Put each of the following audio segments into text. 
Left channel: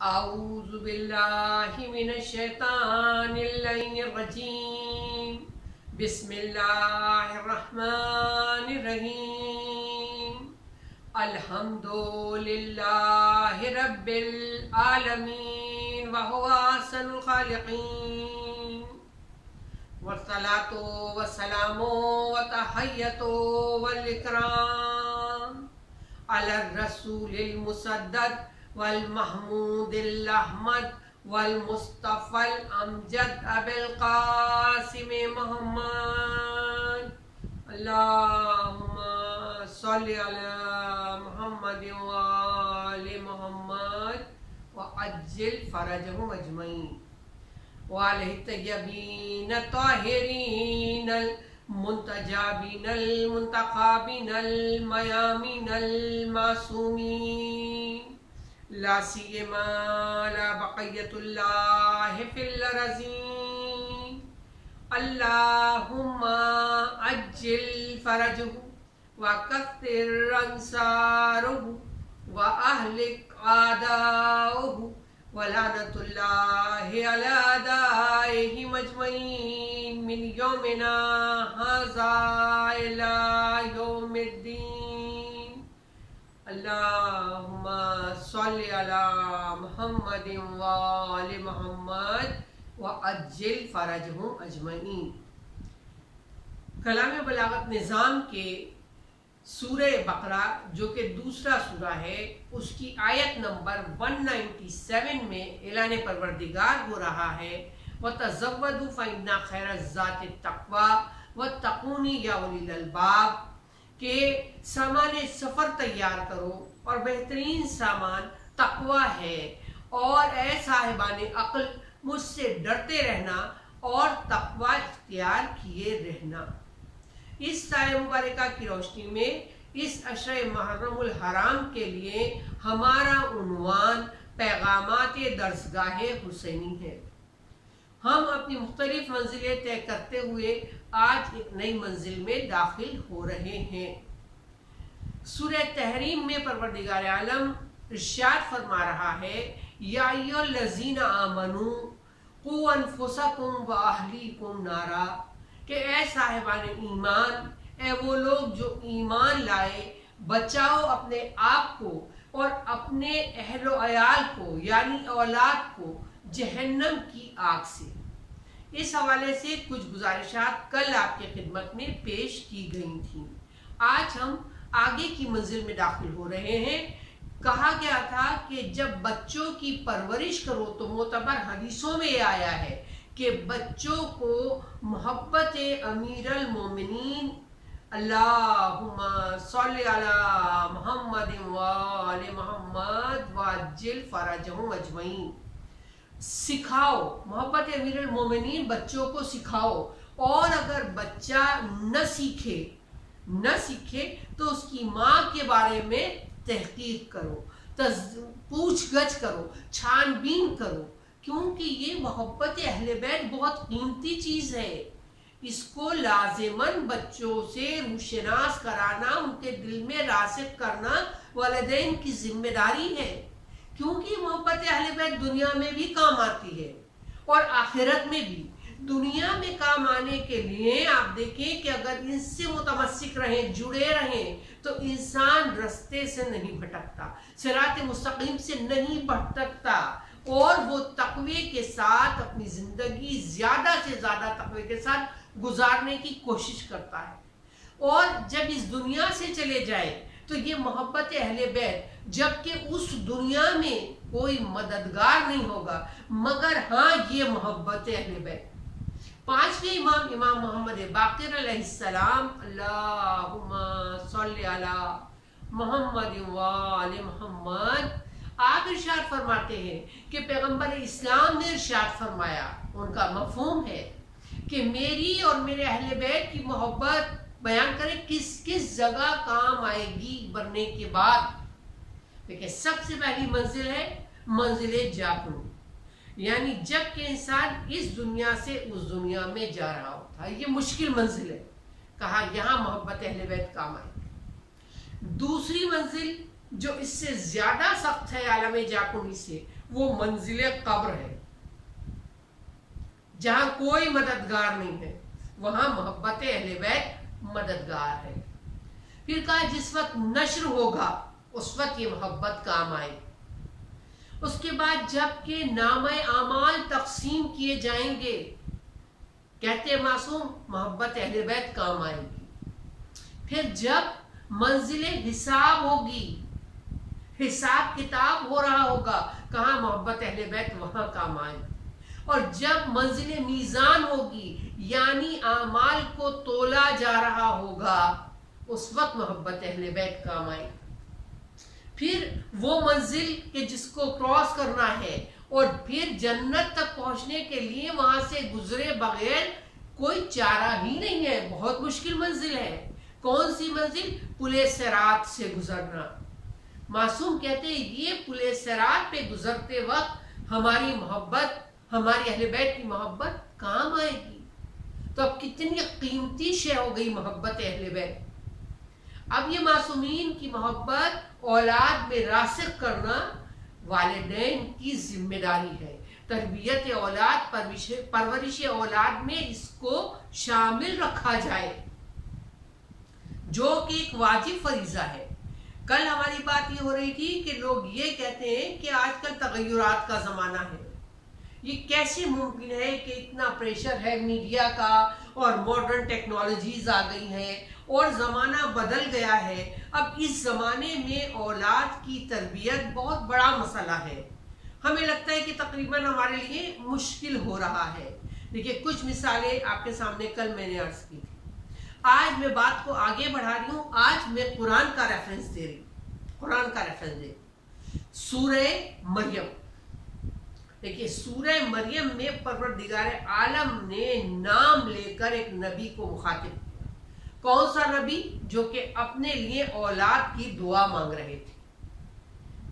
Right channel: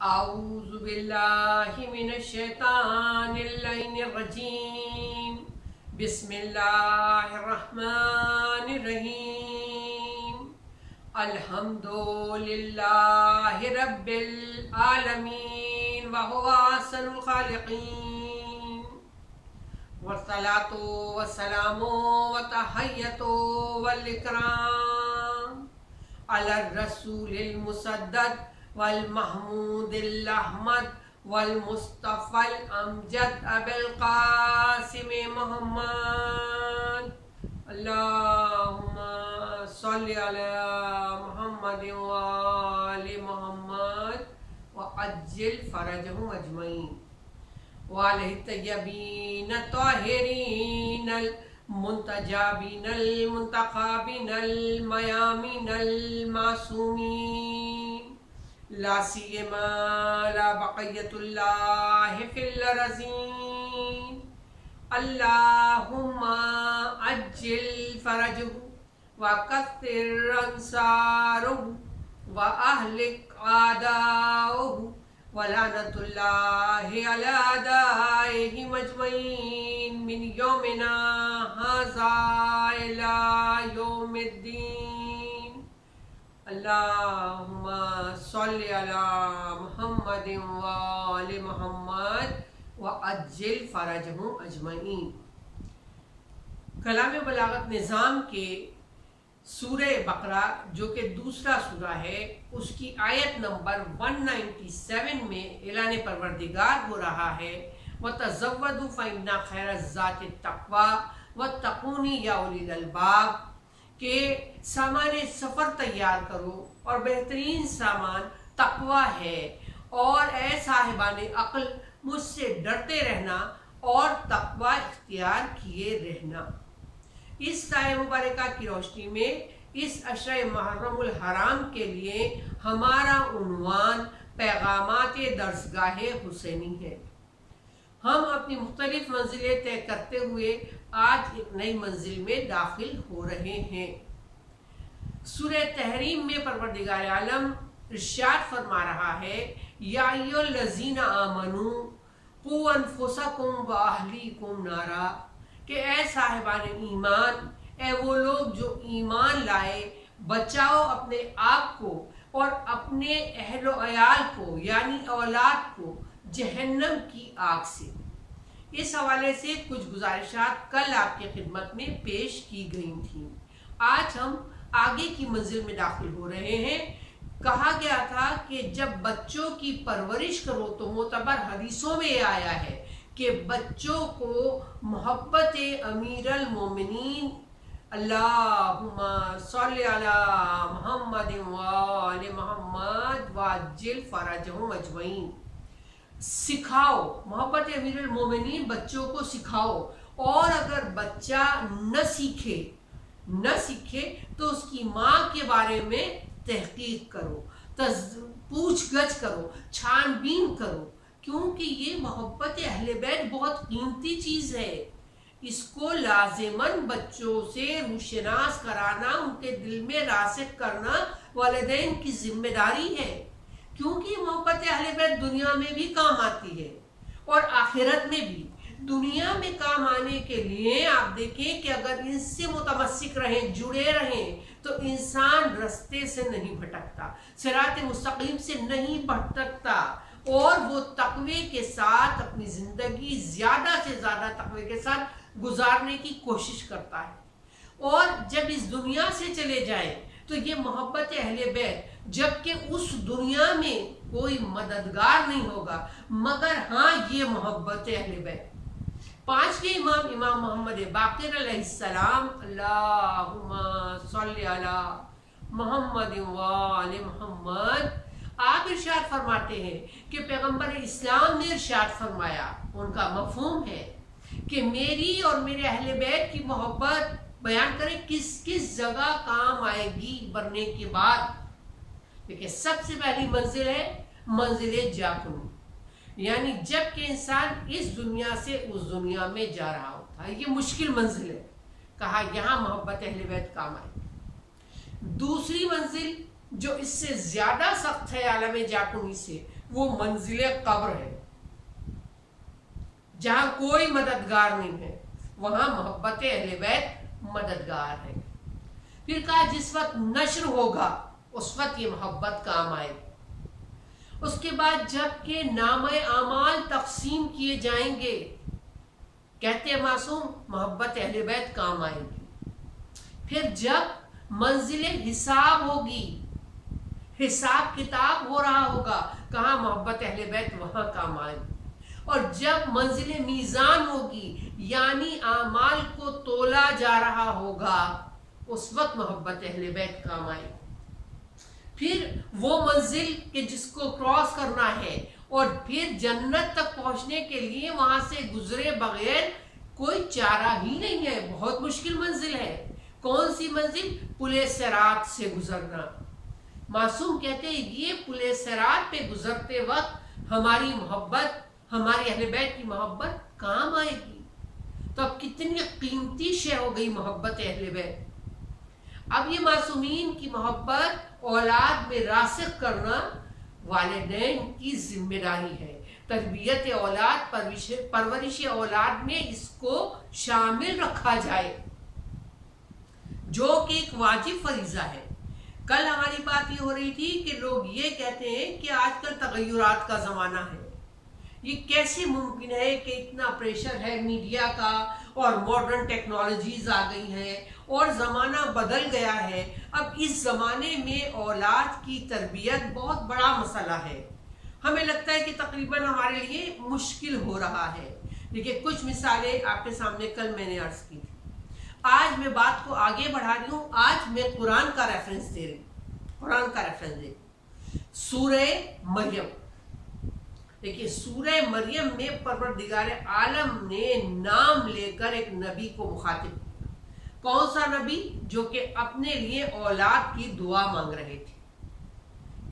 आऊज़ु बिल्लाहि मिनश्शैतानिर्रजीम। बिस्मिल्लाहिर्रहमानिर्रहीम। अल्हम्दुलिल्लाहि रब्बिल आलमीन व हुवा अहसनुल खालिकीन। वस्सलातु वस्सलामु व तहय्यतु वल इकराम अला रसूलिल मुसद्दद वल महमूदिल अहमद वल मुस्तफ़ल अमजद अबिल क़ासिम मोहम्मद। अल्लाहुम्मा सल्लि अला मुहम्मद व आलि मुहम्मद व अज्जिल फरजहुम अजमईन व अलैहि तय्यबीन ताहिरीनल मुंतजाबिनल मुंतखाबिनल मयामिनल मासूमीन ला सियमा ला बक़ियतुल्लाहि फिल अरज़ीन। अल्लाहुम्मा अज्जिल फरजहु व कस्सिर अंसारहु व अहलिक आदाअहु व लानतुल्लाहि अला आदाइहि मजमईन मिन यौमिना हाज़ा इला यौमिद्दीन। अल्लाहुम्मा सल्लि अला मुहम्मदिन व आलि मुहम्मद व अज्जिल फरजहुम अजमईन। कलाम बलागत निज़ाम के सूरह बकरा जो कि दूसरा सूरा है, उसकी आयत नंबर 197 में ऐलान परवरदिगार हो रहा है व तज़व्वदू फ़इन्ना खैरज़्ज़ाति तक़वा व तक़ूनी या उलिल अलबाब के सामान सफ़र तैयार करो और बेहतरीन सामान तक़वा है, और ए साहिबान अक़ल मुझसे डरते रहना और तक़वा इख्तियार किए रहना। इस साय मुबारका की रोशनी में इस अशर मुहर्रमुल हराम के लिए हमारा उन्वान पैगामात दर्सगाह हुसैनी है। हम अपनी मुख्तलिफ मंजिलें तय करते हुए आज एक नई मंजिल में दाखिल हो रहे हैं। सूरह तहरीम में परवरदिगार आलम इरशाद फरमा रहा है, या अय्युहल्लज़ीना आमनू क़ू अनफुसकुम व अहलीकुम नारा, कि ए साहिबान ईमान, ए वो लोग जो ईमान लाए, बचाओ अपने आप को और अपने अहलो अयाल को यानी औलाद को जहन्नम की आग से। इस हवाले से कुछ गुजारिशात कल आपकी खिदमत में पेश की गई थी। आज हम आगे की मंजिल में दाखिल हो रहे हैं। कहा गया था कि जब बच्चों की परवरिश करो तो मोतबर हदीसों में आया है कि बच्चों को मोहब्बत अमीरुल मोमिनीन अल्लाहुम्मा सल्लि अला मुहम्मद व आलि मुहम्मद व अज्जिल फरजहुम अजमईन सिखाओ। मोहब्बत अमीरुल मोमिनीन बच्चों को सिखाओ, और अगर बच्चा न सीखे तो उसकी माँ के बारे में तहकीक करो, पूछगछ करो, छानबीन करो, क्योंकि ये मोहब्बत अहले बैत बहुत कीमती चीज़ है। इसको लाजिमन बच्चों से रूशनास कराना, उनके दिल में रासिख करना वालिदैन की जिम्मेदारी है, क्योंकि मोहब्बत अहले बैत दुनिया में भी काम आती है और आखिरत में भी। दुनिया में काम आने के लिए आप देखें कि अगर इनसे मुतमस्सिक रहें, जुड़े रहें, तो इंसान रास्ते से नहीं भटकता, सिरात मुस्तकीम से नहीं भटकता, और वो तक़वे के साथ अपनी ज़िंदगी ज़्यादा से ज़्यादा तक़वे के साथ गुजारने की कोशिश करता है। और जब इस दुनिया से चले जाए तो ये मोहब्बत अहले बैत, जबकि उस दुनिया में कोई मददगार नहीं होगा मगर हाँ ये मोहब्बत अहले बैत। पांचवें इमाम मोहम्मद बाक़िर अलैहिस्सलाम, अल्लाहुम्मा सल्लि अला मुहम्मद व आलि मुहम्मद, आप इरशाद फरमाते हैं कि पैगंबर इस्लाम ने इरशाद फरमाया, उनका मफ़हूम है कि मेरी और मेरे अहले बैत की मोहब्बत बयान करें किस किस जगह काम आएगी मरने के बाद। देखिए, सबसे पहली मंजिल है मंजिल जाकुन, यानी जब कि इंसान इस दुनिया से उस दुनिया में जा रहा होता है, ये मुश्किल मंजिल है। कहा यहाँ मोहब्बत अहले बैत काम आएगी। दूसरी मंजिल जो इससे ज्यादा सख्त है आलम जाकुनी से, वो मंजिल कब्र है, जहां कोई मददगार नहीं है, वहां मोहब्बत अहले बैत मददगार है। फिर कहा जिस वक्त नश्र होगा उस वक्त ये मोहब्बत काम आएगी। उसके बाद जबकि नामे आमाल तकसीम किए जाएंगे, कहते हैं मासूम मोहब्बत अहले बैत काम आएगी। फिर जब मंजिल हिसाब होगी, हिसाब किताब हो रहा होगा, कहाँ मोहब्बत अहले बैत वहां काम आएगी। और जब मंजिल मीज़ान होगी, यानी आमाल को तोला जा रहा होगा, उस वक्त मोहब्बत अहले बैत काम आएगी। फिर वो मंजिल के जिसको क्रॉस करना है और फिर जन्नत तक पहुंचने के लिए वहां से गुजरे बगैर कोई चारा ही नहीं है, बहुत मुश्किल मंजिल है। कौन सी मंजिल? पुले सिरात से गुजरना। मासूम कहते हैं ये पुले सिरात पे गुजरते वक्त हमारी मोहब्बत, हमारी अहले बैत की मोहब्बत काम आएगी। तो अब कितनी कीमती शय हो गई मोहब्बत अहले बैत। अब ये मासूमीन की मोहब्बत औलाद में रासिख करना वालिदैन की जिम्मेदारी है। तरबियत औलाद, परवरिश औलाद में इसको शामिल रखा जाए, जो कि एक वाजिब फरीजा है। कल हमारी बात ये हो रही थी कि लोग ये कहते हैं कि आजकल तगय्युरात का ज़माना है, ये कैसे मुमकिन है कि इतना प्रेशर है मीडिया का और मॉडर्न टेक्नोलॉजीज आ गई हैं और ज़माना बदल गया है। अब इस ज़माने में औलाद की तरबियत बहुत बड़ा मसला है। हमें लगता है कि तकरीबन हमारे लिए मुश्किल हो रहा है। देखिए कुछ मिसालें आपके सामने कल मैंने अर्ज की थी, आज मैं बात को आगे बढ़ा रही हूँ। आज मैं कुरान का रेफरेंस दे रही हूँ, कुरान का रेफरेंस दे, सूरे मरियम। देखिए सूरह मरियम में परवरदिगार आलम ने नाम लेकर एक नबी को मुखातिब किया। कौन सा नबी? जो कि अपने लिए औलाद की दुआ मांग रहे थे।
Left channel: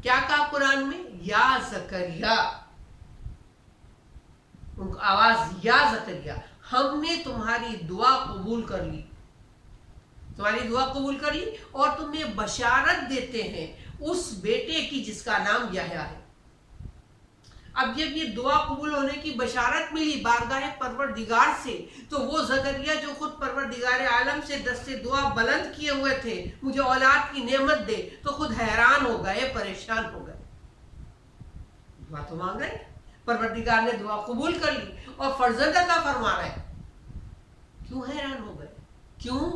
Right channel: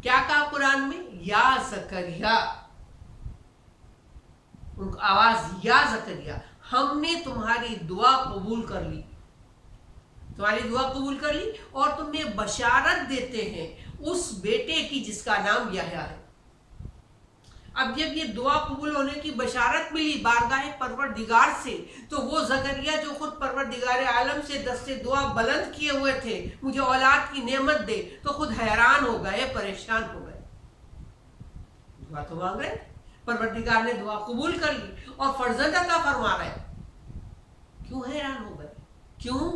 क्या कहा कुरान में? या ज़करिया, उनकी आवाज या ज़करिया, हमने तुम्हारी दुआ कबूल कर ली, तुम्हारी दुआ कबूल कर ली और तुम्हें बशारत देते हैं उस बेटे की जिसका नाम यहया है। अब जब ये दुआ कबूल होने की बशारत मिली बारगाह परवरदिगार से, तो वो ज़करिया जो खुद परवरदिगार आलम से दस्ते दुआ बुलंद किए हुए थे, मुझे औलाद की नेमत दे, तो खुद हैरान हो गए, परेशान हो गए। दुआ तो मांग रहे, परवरदिगार ने दुआ कबूल कर ली और फर्जंद अता फरमा रहे। क्यों हैरान हो गए? क्यों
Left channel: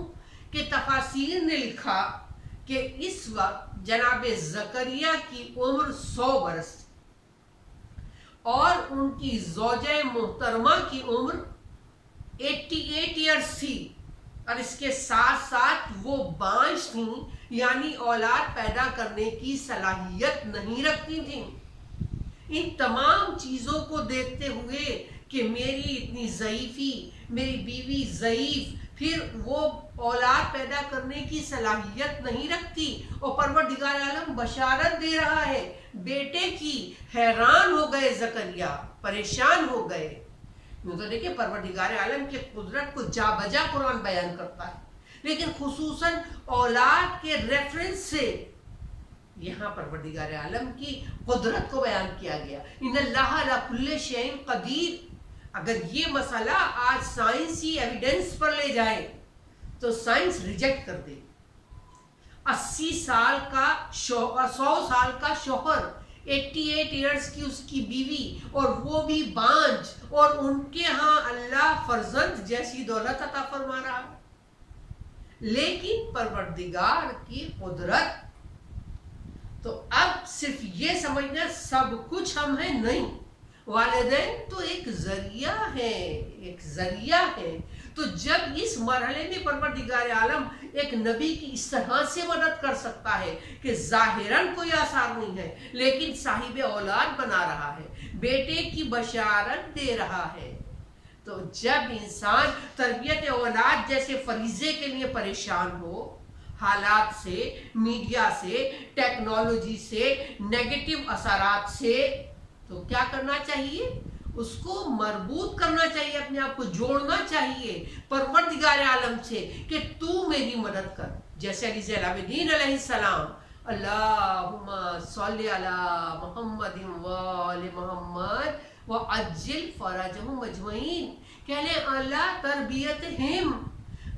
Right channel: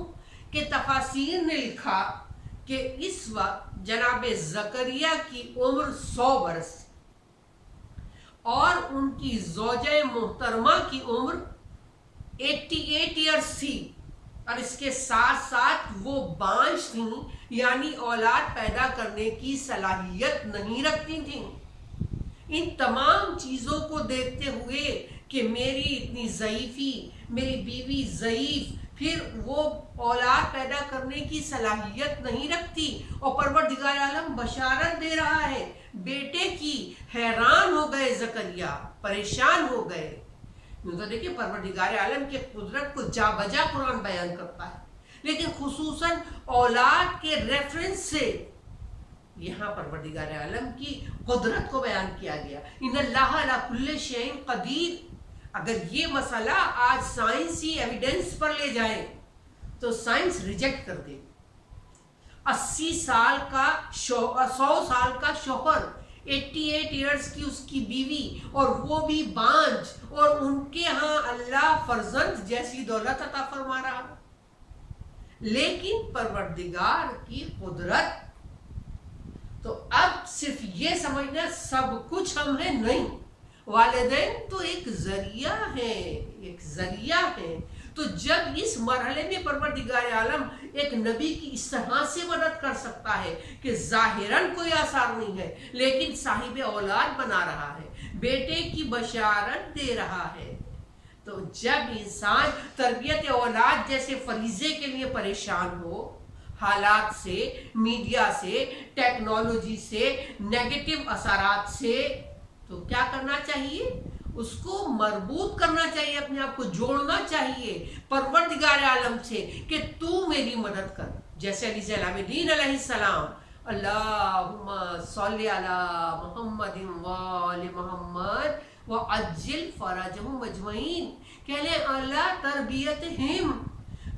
कि तफासीर ने लिखा कि इस वक्त जनाब ज़करिया की उम्र 100 बरस और उनकी ज़ौजे मोहतरमा की उम्र 88 ईयर्स थी, और इसके साथ साथ वो बांझ थी, यानी औलाद पैदा करने की सलाहियत नहीं रखती थी। इन तमाम चीज़ों को देखते हुए कि मेरी इतनी ज़ईफ़ी, मेरी बीवी ज़ईफ़, फिर वो औलाद पैदा करने की सलाहियत नहीं रखती और परवरदिगार आलम बशारत दे रहा है बेटे की, हैरान हो गए ज़करिया, परेशान हो गए। यूँ तो देखिए परवरदिगार आलम की कुदरत को जा बजा कुरान बयान करता है, लेकिन खुसूसन औलाद के रेफरेंस से यहाँ परवरदिगार आलम की कुदरत को बयान किया गया। इन्नल्लाह अला कुल्ली शैइन कदीर। अगर ये मसला आज साइंसी एविडेंस पर ले जाए तो साइंस रिजेक्ट कर दे। 80 साल का 100 साल का शौहर, 88 ईयर्स की उसकी बीवी, और वो भी बांझ, और उनके यहाँ अल्लाह फर्जंद जैसी दौलत अता फरमा रहा। लेकिन परवरदिगार की कुदरत, तो अब सिर्फ ये समझना सब कुछ हम हैं, नहीं, वालिदैन तो एक जरिया है, एक जरिया है। तो जब इस मरहले में परवरदिगार आलम एक नबी की इस तरह से मदद कर सकता है कि जाहिरन कोई आसार नहीं है, लेकिन साहिब औलाद बना रहा है, बेटे की बशारत दे रहा है, तो जब इंसान तरबियत औलाद जैसे फरीजे के लिए परेशान हो, हालात से, मीडिया से, टेक्नोलॉजी से, नेगेटिव असरात से, तो क्या करना चाहिए? उसको मरबूत करना चाहिए, अपने आप को जोड़ना चाहिए परवरदिगार आलम से कि तू मेरी मदद कर। जैसे अली ज़ैन आबिदीन अलैहिस्सलाम अल्लाहुम्मा सल्लि अला मुहम्मदिन व आले मुहम्मद व अज्जिल फरजहुम अजमईन। कह लें अल्लाह तरबियत हिम,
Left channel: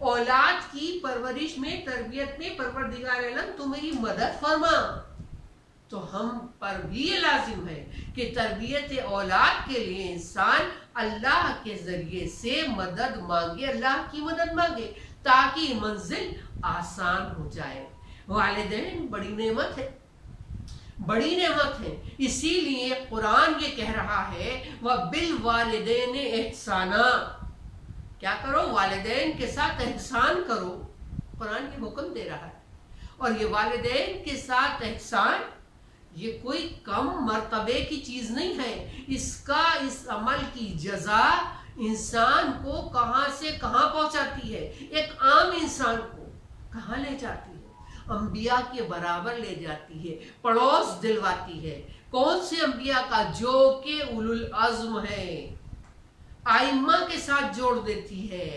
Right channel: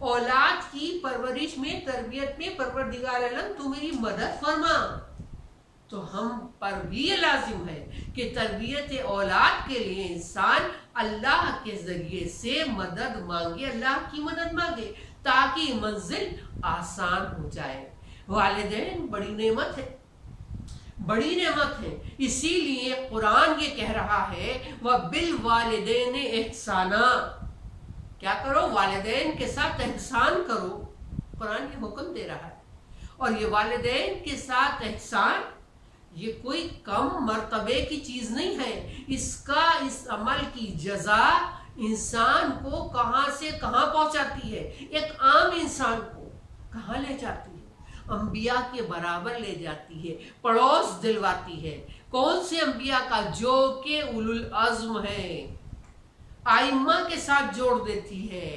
औलाद की परवरिश में, तरबियत में परवरदिगार आलम तू मेरी मदद फरमा। तो हम पर भी ये लाजिम है कि तरबियत औलाद के लिए इंसान अल्लाह के ज़रिए से मदद मांगे, अल्लाह की मदद मांगे, ताकि मंजिल आसान हो जाए। वालिदैन बड़ी नेमत है, बड़ी नेमत है। इसीलिए कुरान ये कह रहा है व बिल वालिदैन एहसाना, क्या करो, वालिदैन के साथ एहसान करो। कुरान ये हुक्म दे रहा है। और ये वालिदैन के साथ एहसान ये कोई कम मर्तबे की चीज़ नहीं है। इसका, इस अमल की जजा इंसान को कहाँ से कहाँ पहुँचाती है, एक आम इंसान को कहाँ ले जाती है, अंबिया के बराबर ले जाती है, पड़ोस दिलवाती है। कौन से अंबिया का, जो के उलुल अज़्म है, आइम्मा के साथ जोड़ देती है।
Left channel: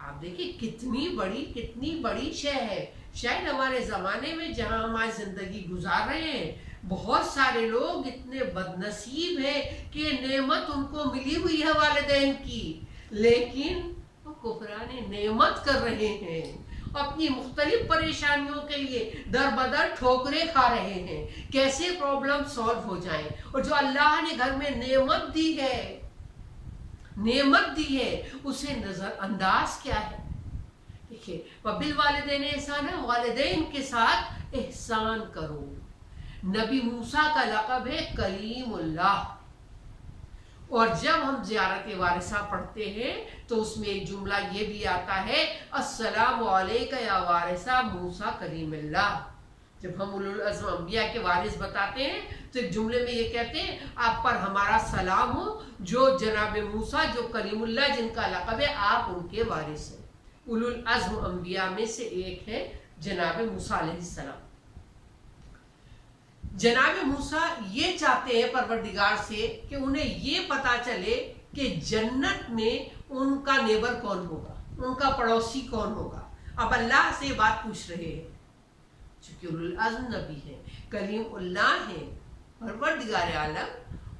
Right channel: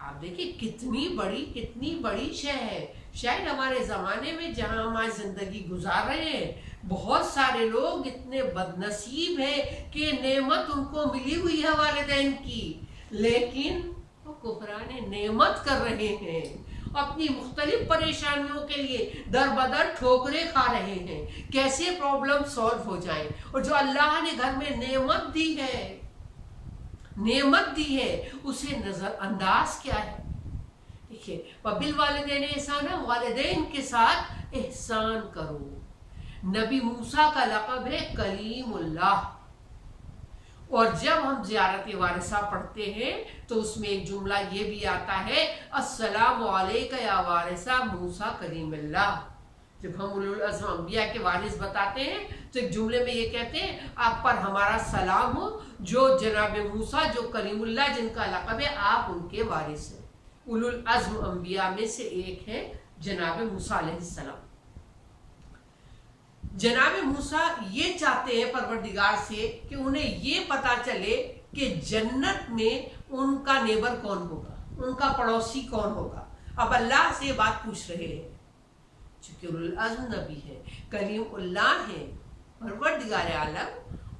आप देखिए कितनी बड़ी शय है। शायद हमारे ज़माने में जहाँ हमारी ज़िंदगी गुजार रहे हैं, बहुत सारे लोग इतने बदनसीब हैं कि नेमत उनको मिली हुई है वालिदैन की, लेकिन वो कुफराने नेमत कर रहे हैं, अपनी मुख्तलिफ परेशानियों के लिए दर बदर ठोकरें खा रहे हैं। कैसे प्रॉब्लम सॉल्व हो जाए। और जो अल्लाह ने घर में नेमत दी है उसे नज़रअंदाज क्या है। देखिए वबिल वालिदैन एहसान, वालिदैन के साथ एहसान करो। नबी मूसा का लक़ब है कलीमुल्लाह। और जब हम ज़ियारत वारिसा पढ़ते हैं तो उसमें एक जुमला ये भी आता है अस्सलामु अलैका या वारिसा मूसा कलीमुल्लाह। जब हम उलुल अज़्म अंबिया के वारिस बताते हैं तो एक जुमले में ये कहते हैं आप पर हमारा सलाम हो, जो जनाब मूसा, जो कलीमुल्लाह जिनका लक़ब है, आप उनके वारिस हैं। उलुल अज़्म अंबिया में से एक है जनाब मूसा अलैहिस्सलाम। जनाब मूसा ये चाहते हैं परवरदिगार से कि उन्हें ये पता चले कि जन्नत में उनका नेबर कौन होगा, उनका पड़ोसी कौन होगा। अब अल्लाह से बात पूछ रहे हैं, चूंकि उलुल अज़्म नबी है, कलीमुल्लाह है, परवरदिगार आलम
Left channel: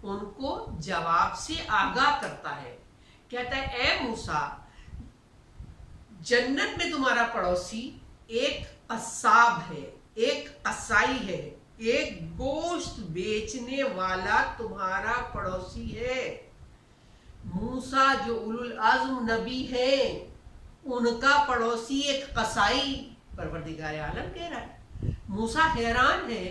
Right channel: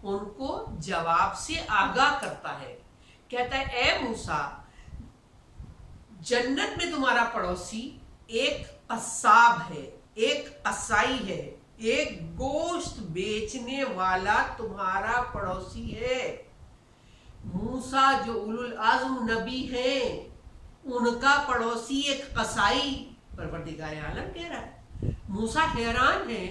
उनको जवाब से आगाह करता है। कहता है ए मूसा, जन्नत में तुम्हारा पड़ोसी एक कसाब है, एक कसाई है, एक गोश्त बेचने वाला तुम्हारा पड़ोसी है। मूसा जो उलुल अज़्म नबी है, उनका पड़ोसी एक कसाई, परवरदिगार आलम कह रहा है। मूसा हैरान है,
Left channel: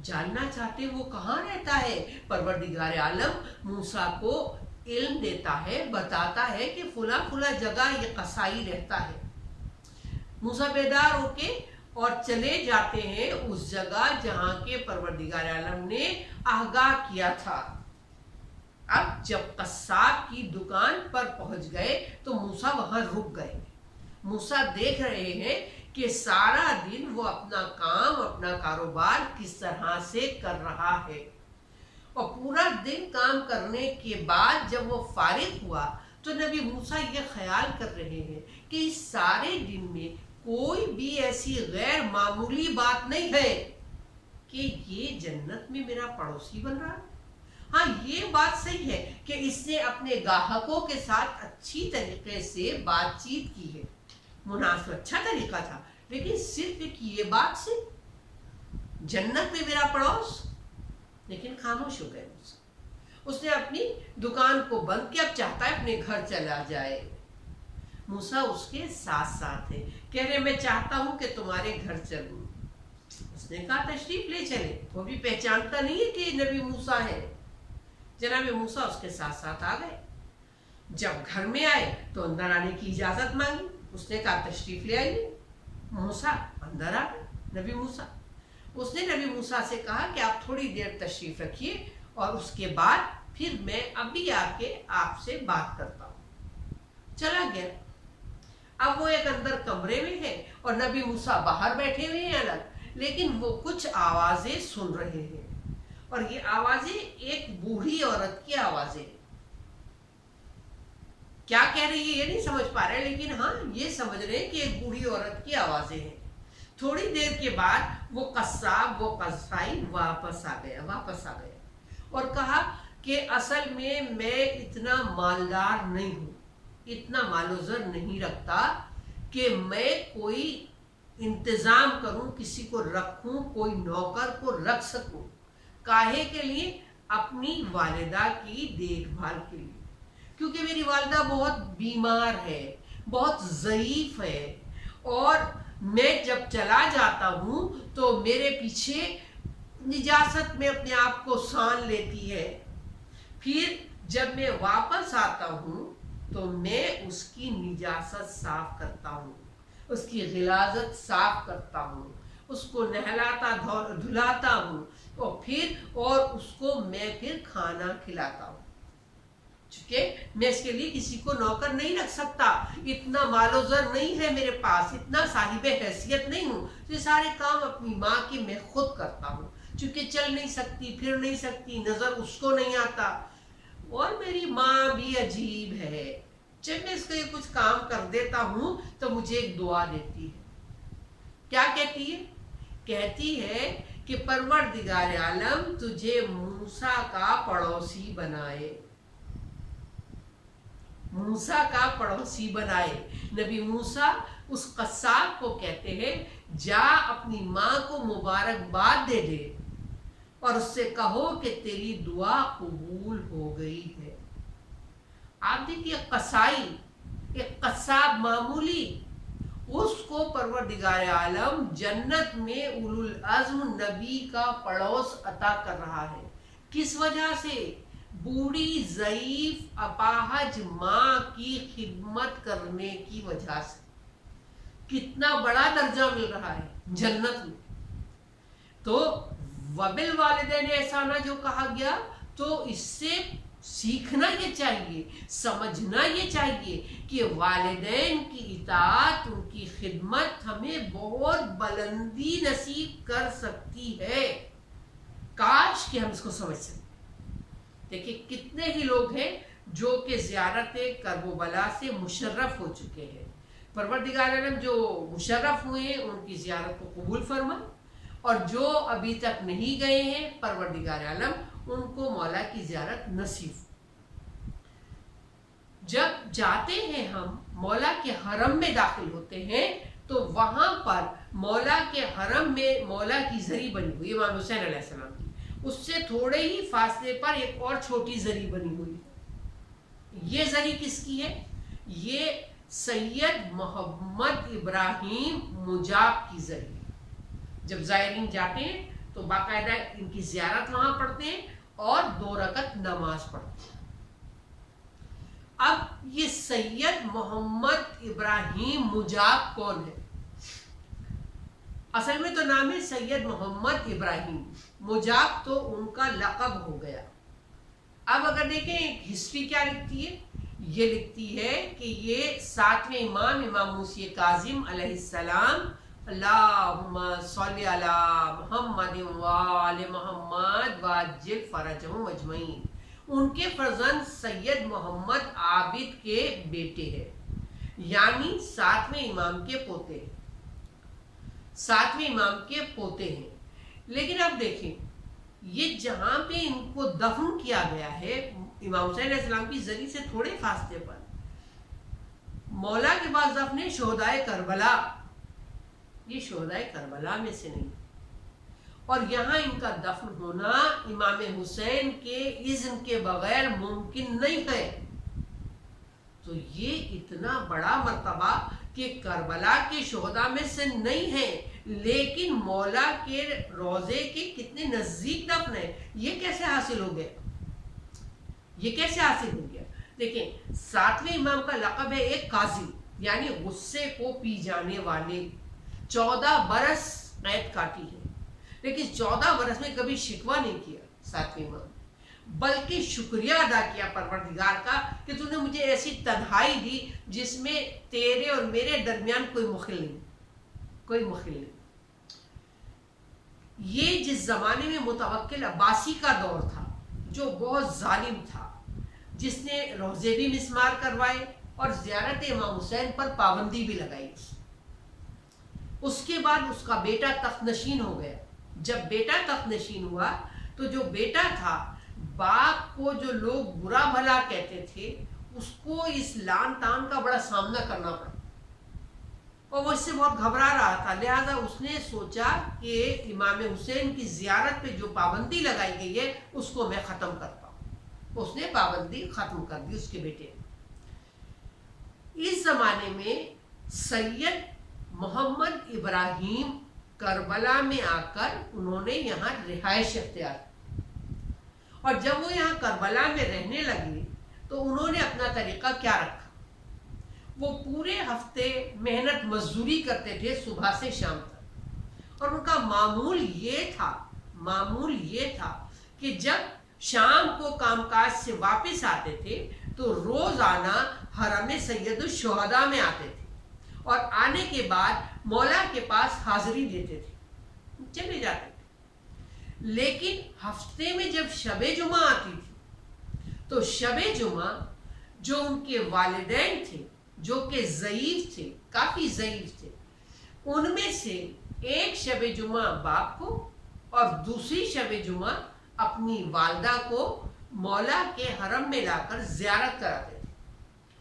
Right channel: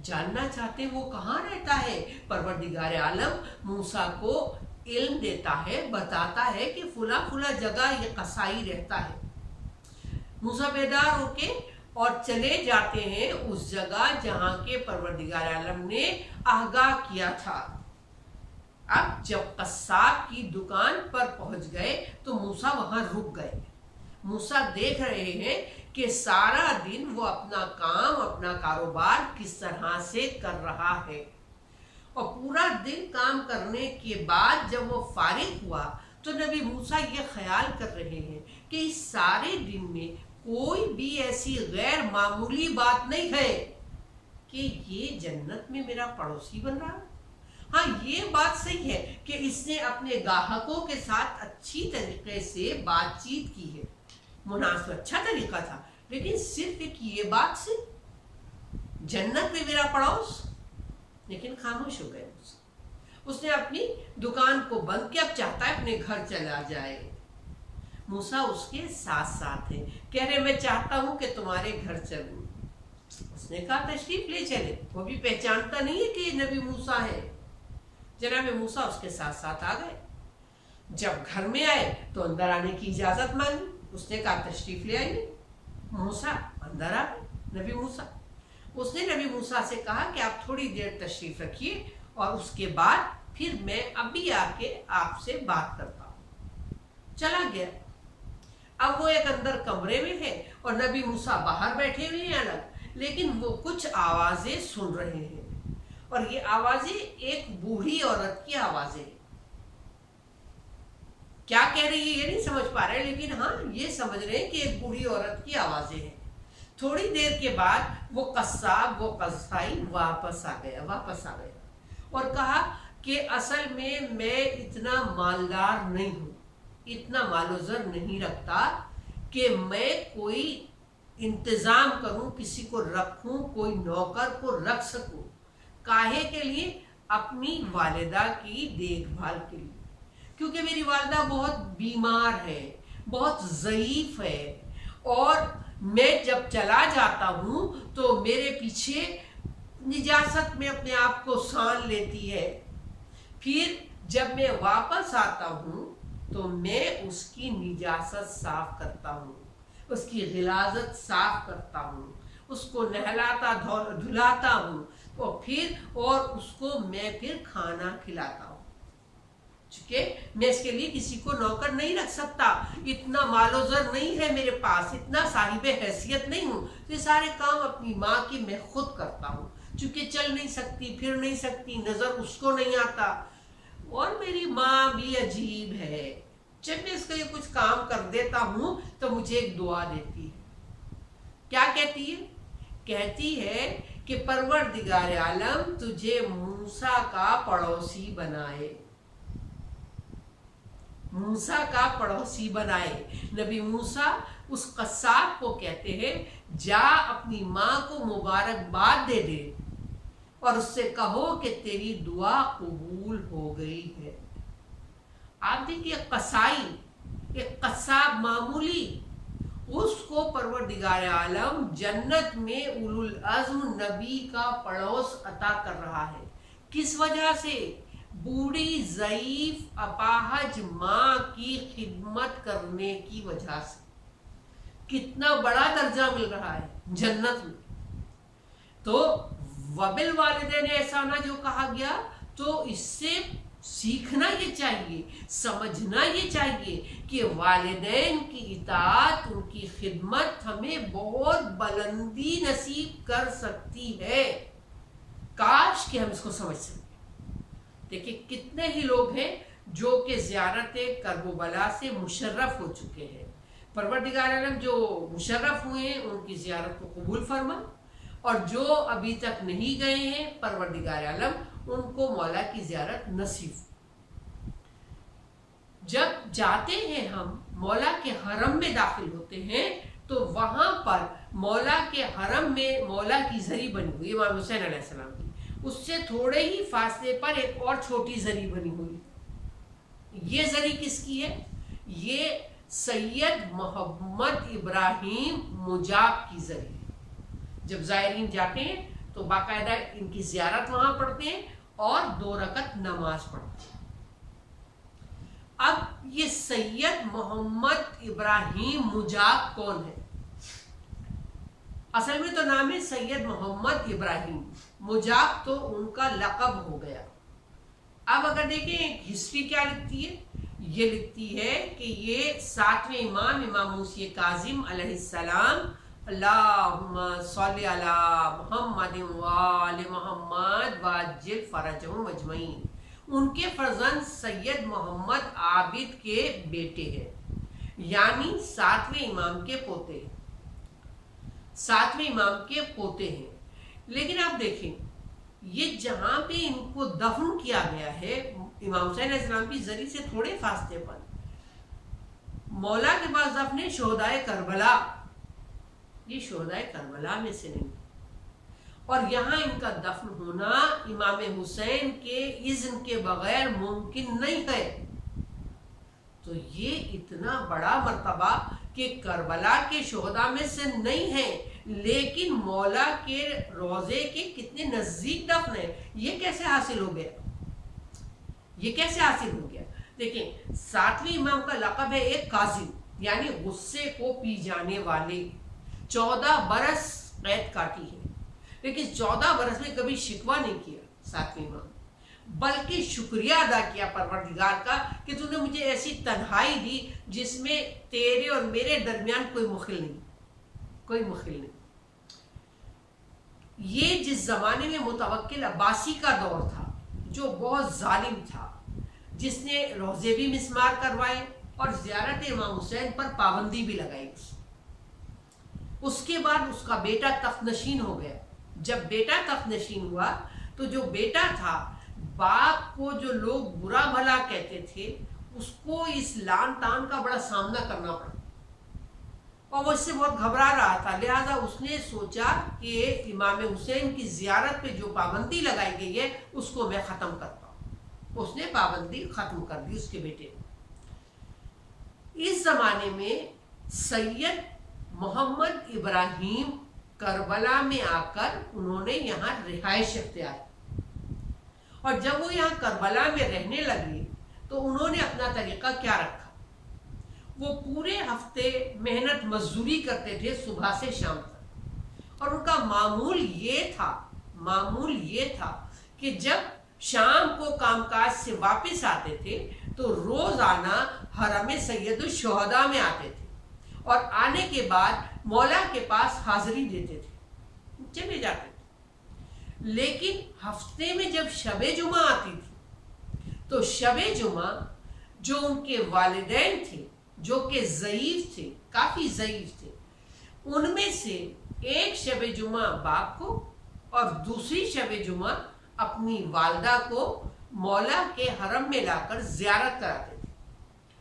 जानना चाहते वो कहाँ रहता है। परवरदिगार आलम मूसा को इल्म देता है, बताता है कि फुला फुला जगह ये कसाई रहता है। मूसा बेदार होके और चले जाते हैं उस जगह जहाँ के परवरदिगार आलम ने आगाह किया था। अब जब कसाब की दुकान पर पहुंच गए तो मूसा वहां रुक गए। मूसा देख रहे हैं कि सारा दिन वो अपना काम, अपना कारोबार किस तरह से कर रहा है। और पूरा दिन काम करने के बाद जब वो फारिग हुआ तो नबी मूसा ये ख्याल कर रहे हैं कि इस सारे दिन में कोई भी ऐसी गैर मामूली बात नहीं है कि ये जन्नत में मेरा पड़ोसी बन रहा है। हाँ, ये बात सही है कि इसने अपने ग्राहकों के साथ अच्छी तरीके से बातचीत की है, मुनासिब अच्छा तरीका था, लेकिन सिर्फ एक ये बात से जन्नत में मेरा पड़ोस। लेकिन खामोश हो गए मूसा। उसने अपनी दुकान को बंद किया, अब चाहता है अपने घर चला जाए। मूसा उसके साथ साथ है, कह रहे मैं चाहता हूं कि तुम्हारे घर चलूं। उसने कहा तशरीफ ले चले। वो भी पहचानता नहीं है कि नबी मूसा है। जनाब मूसा उसके साथ साथ आ गए। जब घर में आए तो अंदर आने की इजाजत मांगी। उसने कहा तशरीफ ले आइए। मूसा अंदर आ गए। नबी मूसा, उसने नबी मूसा से कहा कि आप थोड़ी देर तशरीफ रखिए और उसके बाद फिर मैं अभी आके आपसे बात करता हूँ। चला गया। अब वो एक अंदर कमरे में है और नबी मूसा बाहर बैठे हुए हैं अलग, लेकिन वो कुछ आवाजें सुन रहे हैं। और ये आवाजें एक बूढ़ी औरत की आवाजें, क्या कह रही है ये नहीं समझ पा रहे, लेकिन हाँ ये समझ रहे हैं कि एक बूढ़ी औरत की आवाजें हैं। थोड़ी देर के बाद वो कसाब, वो कसाई वापस आ गया और कहा कि असल में मैं इतना मालदार नहीं हूँ, इतना मालोज़र नहीं रखता कि मैं कोई इंतज़ाम करूँ, किसी को रखूँ, कोई नौकर को रख सकूँ। काहे के लिए? अपनी वालिदा की देखभाल के लिए, क्योंकि मेरी वालिदा बहुत बीमार है, बहुत ज़ईफ़ है और मैं जब चला जाता हूँ तो मेरे पीछे निजासत में अपने आप को सान लेती है। फिर जब मैं वापस आता हूँ तो मैं उसकी निजासत साफ करता हूँ, उसकी गिलाजत साफ करता हूँ, उसको नहलाता धुलाता हूँ और उसको मैं फिर खाना खिलाता हूँ। चूंकि मैं इसके लिए किसी को नौकर नहीं रख सकता, इतना मालोज़र नहीं है मेरे पास, इतना साहिब हैसियत नहीं हूँ, तो ये सारे काम अपनी माँ की मैं खुद करता हूँ। चूंकि चल नहीं सकती, फिर नहीं सकती, नज़र उसको नहीं आता और मेरी माँ भी अजीब है। जब मैं इसका ये कुछ काम कर देता हूँ तो मुझे एक दुआ देती है। क्या कहती है? कहती है कि परवरदिगार आलम तुझे मूसा का पड़ोसी बनाए, मूसा का पड़ोसी बनाए। नबी मूसा उस कसाब को कहते हैं, जा अपनी माँ को मुबारकबाद दे दे और उससे कहो कि तेरी दुआ कबूल हो गई है। आप देखिए, कसाई, एक कसाब मामूली, उसको परवरदिगार आलम जन्नत में उलुल अज़्म नबी का पड़ोस अता कर रहा है। किस वजह से? बूढ़ी ज़ईफ अपाहज माँ की खिदमत करने की वजह से। कितना बड़ा दर्जा मिल रहा है जन्नत में। तो वबिल वालिदैन एहसाना जो कहा गया, तो इससे सीखना ये चाहिए, समझना ये चाहिए कि वालिदैन की इताअत, उनकी खिदमत हमें बहुत बुलंदी नसीब कर सकती है। काश कि हम इसको समझ सकें। देखिए, कितने ही लोग हैं जो कि ज़ियारत करबला से मुशर्रफ हो चुके हैं। परवरदिगार आलम जो मुशर्रफ हुए हैं उनकी ज़ियारत को कबूल फरमा, और जो अभी तक नहीं गए हैं परवरदिगार आलम उनको मौला की ज़ियारत नसीब। जब जाते हैं हम मौला के हरम में दाखिल होते हैं तो वहाँ पर मौला के हरम में मौला की ज़री बनी हुई इमाम हुसैन अलैहिस्सलाम की, उससे थोड़े ही फासले पर एक और छोटी ज़री बनी हुई है। ये ज़री किसकी है? ये सैयद मोहम्मद इब्राहिम मुजाब की ज़री है। जब ज़ायरीन जाते हैं तो बाकायदा इनकी ज़ियारत वहाँ पढ़ते हैं और 2 रकत नमाज पढ़ते हैं। अब ये सैयद मोहम्मद इब्राहिम मुजाब कौन है? असल में तो नाम है सैयद मोहम्मद इब्राहिम, मुजाब तो उनका लक़ब हो गया। अब अगर देखें हिस्ट्री क्या लिखती है, ये लिखती है कि ये 7वें इमाम मूसी काज़िम अलैहिस्सलाम, अल्लाहुम्मा सल्ली अला मुहम्मद व आले मुहम्मद वाजिल फरजहुम अजमईन, उनके फर्जंद सैयद मोहम्मद आबिद के बेटे हैं, यानी 7वें इमाम के पोते, 7वें इमाम के पोते हैं। लेकिन अब देखें, ये जहाँ पे इनको दफन किया गया है इमाम हुसैन अलैहिस्सलाम की ज़री से थोड़े फासले पर, मौला के पास दफन है शोहदाए करबला, ये शोहदाए करबला में से नहीं, और यहाँ इनका दफन होना इमाम हुसैन के इज़्न के बगैर मुमकिन नहीं है। तो ये इतना बड़ा मर्तबा कि करबला के शोहदा में से नहीं है, लेकिन मौला के रोज़े के कितने नज़दीक दफन है। ये कैसे हासिल हो गया? ये कैसे हासिल हो गया? देखें, 7वें इमाम का लक़ब है एक काज़ी, यानी गुस्से को पी जाने वाले। 14 बरस कैद काटी है, लेकिन 14 बरस में कभी शिकवा नहीं किया 7वें इमाम, बल्कि शुक्रिया अदा किया परवरदिगार का कि तूने मुझे ऐसी तन्हाई दी जिसमें तेरे और मेरे दरमियान कोई मुखिल नहीं, कोई मुखिल नहीं। ये जिस ज़माने में मुतवक्किल अब्बासी का दौर था, जो बहुत जालिम था, जिसने रोज़े भी मिसमार करवाए और ज़ियारत इमाम हुसैन पर पाबंदी भी लगाई। उसके बाद उसका बेटा तख्तनशीन हो गया। जब बेटा तख्तनशीन हुआ तो जो बेटा था, बाप को जो लोग बुरा भला कहते थे, उसको इस लान तान का बड़ा सामना करना पड़ा और वो इससे बहुत घबरा रहा था। लिहाजा उसने सोचा कि इमाम हुसैन की ज़ियारत पे जो पाबंदी लगाई गई है उसको मैं ख़त्म करता हूँ। उसने पाबंदी ख़त्म कर दी उसके बेटे ने। इस ज़माने में सैयद मोहम्मद इब्राहिम करबला में आकर उन्होंने यहाँ रिहाइश अख्तियार की और जब वो यहाँ करबला में रहने लगे तो उन्होंने अपना तरीका क्या रखा। वो पूरे हफ्ते मेहनत मजदूरी करते थे सुबह से शाम तक और उनका मामूल ये था कि जब शाम को कामकाज से वापस आते थे तो रोजाना हरम सैयदुल शुहदा में आते थे और आने के बाद मौला के पास हाजिरी देते थे, चले जाते थे। लेकिन हफ्ते में जब शबे जुमा आती थी तो शबे जुमा जो उनके वालिदैन थे, जो कि ज़ईफ थे, काफ़ी ज़ईफ थे, उनमें से एक शबे जुमा बाप को और दूसरी शबे जुमा अपनी वालदा को मौला के हरम में लाकर ज़ियारत कराते थे।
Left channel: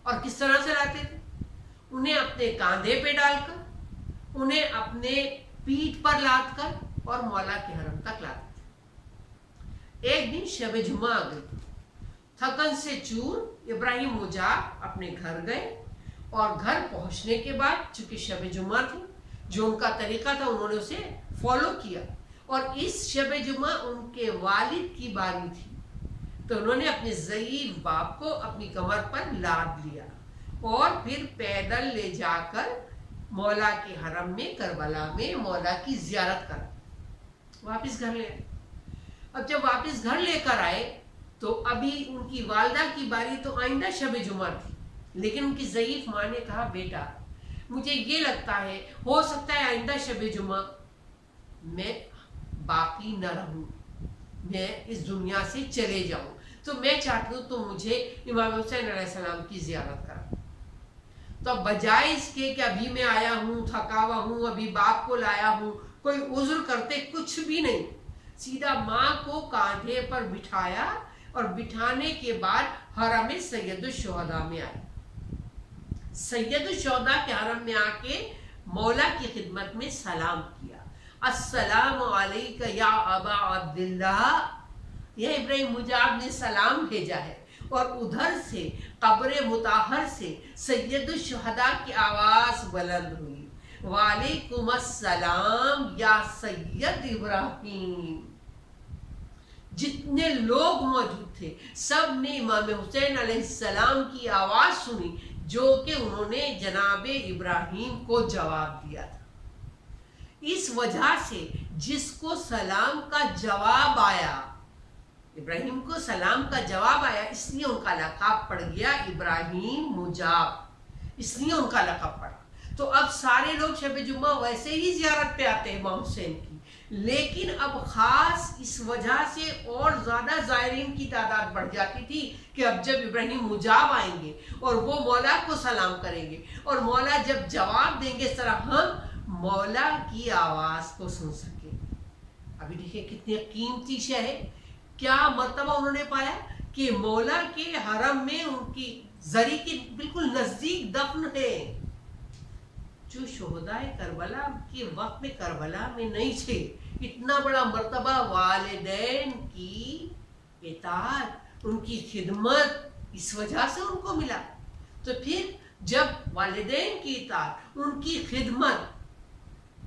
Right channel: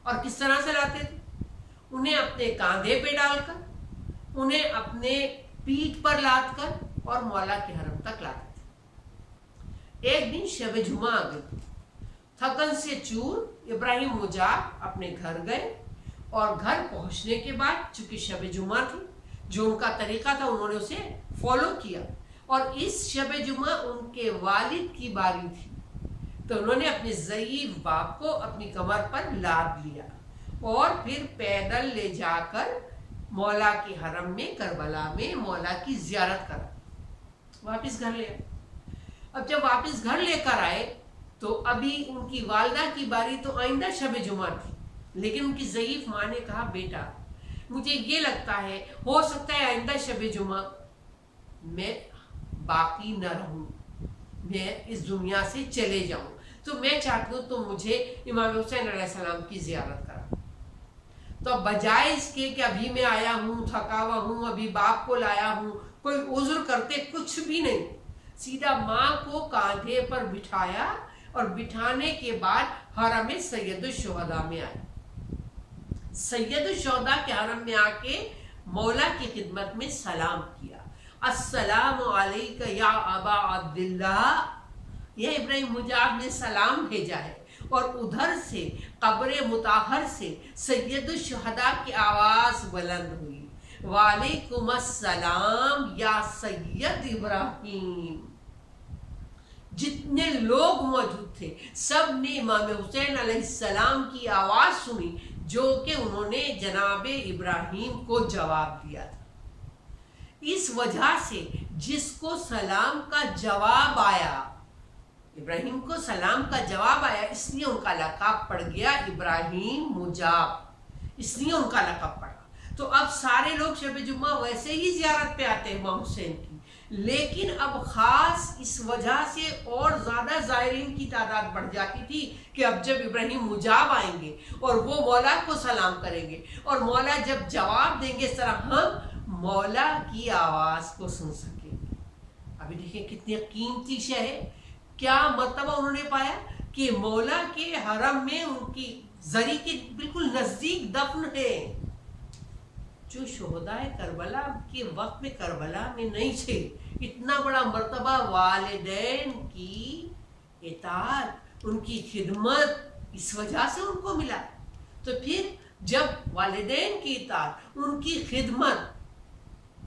और किस तरह से लाते थे? उन्हें अपने कांधे पे डालकर, उन्हें अपने पीठ पर लाद कर और मौला के हरम तक लाते थे। एक दिन शबे जुमा आ गई, थकन से चूर इब्राहिम मुजाब अपने घर गए और घर पहुंचने के बाद चूंकि शबे जुमा थी, जो उनका तरीका था उन्होंने उसे फॉलो किया और इस शबे जुमा उनके वालिद की बारी थी तो उन्होंने अपने ज़ईफ बाप को अपनी कमर पर लाद लिया और फिर पैदल ले जाकर मौला के हरम में करबला में मौला की ज़ियारत करा, वापस घर ले आए। अब जब वापस घर लेकर आए तो अभी उनकी वालदा की बारी तो आइंदा शबे जुमा थी, लेकिन उनकी ज़ईफ माँ ने कहा, बेटा मुझे ये लगता है हो सकता है आइंदा शबे जुमा मैं बाकी न रहूं, मैं इस दुनिया से चले जाऊं, तो मैं चाहती हूँ तुम मुझे इमाम हुसैन अलैहिस्सलाम की ज़ियारत करा। तो बजाय इसके कि अभी मैं आया हूँ, थका हुआ हूँ, अभी बाप को लाया हूँ, कोई उज़्र करते कुछ भी नहीं, सीधा माँ को कांधे पर बिठाया और बिठाने के बाद हरम सैयदुल शुहदा में आए। सैयदुल शुहदा के हरम में आके मौला की खिदमत में सलाम किया, अस्सलामु अलैका या अबा अब्दुल्लाह, यह इब्राहिम मुजाब ने सलाम भेजा है। और उधर से कब्र मुताहर से सैयदुल शुहदा की आवाज़ बुलंद हुई, वालेकुम अस्सलाम या सैयद इब्राहिम। जितने लोग मौजूद थे सब ने इमाम हुसैन अलैहिस्सलाम की आवाज़ सुनी जो कि उन्होंने जनाबे इब्राहिम को जवाब दिया था। इस वजह से जिसको सलाम का जवाब आया, इब्राहिम को सलाम का जवाब आया, इसलिए उनका लक़ब पड़ गया इब्राहिम मुजाब, इसलिए उनका लक़ब पड़ा। तो अब सारे लोग शब जुम्मा वैसे ही ज़ियारत पे आते हैं इमाम हुसैन की, लेकिन अब ख़ास इस वजह से और ज़्यादा ज़ायरीन की तादाद बढ़ जाती थी कि अब जब इब्राहिम मुजाब आएंगे और वो मौला को सलाम करेंगे और मौला जब जवाब देंगे इस तरह हम मौला की आवाज़ को सुन सकेंगे। अभी देखिए कितनी कीमती शय है, क्या मर्तबा उन्होंने पाया कि मौला के हरम में उनकी जरी के बिल्कुल नज़दीक दफन है, जो शुहदाए करबला के वक्त में करबला में नहीं थे। इतना बड़ा मर्तबा वालिदैन की इताअत, उनकी खिदमत, इस वजह से उनको मिला। तो फिर जब वालिदैन की इताअत, उनकी खिदमत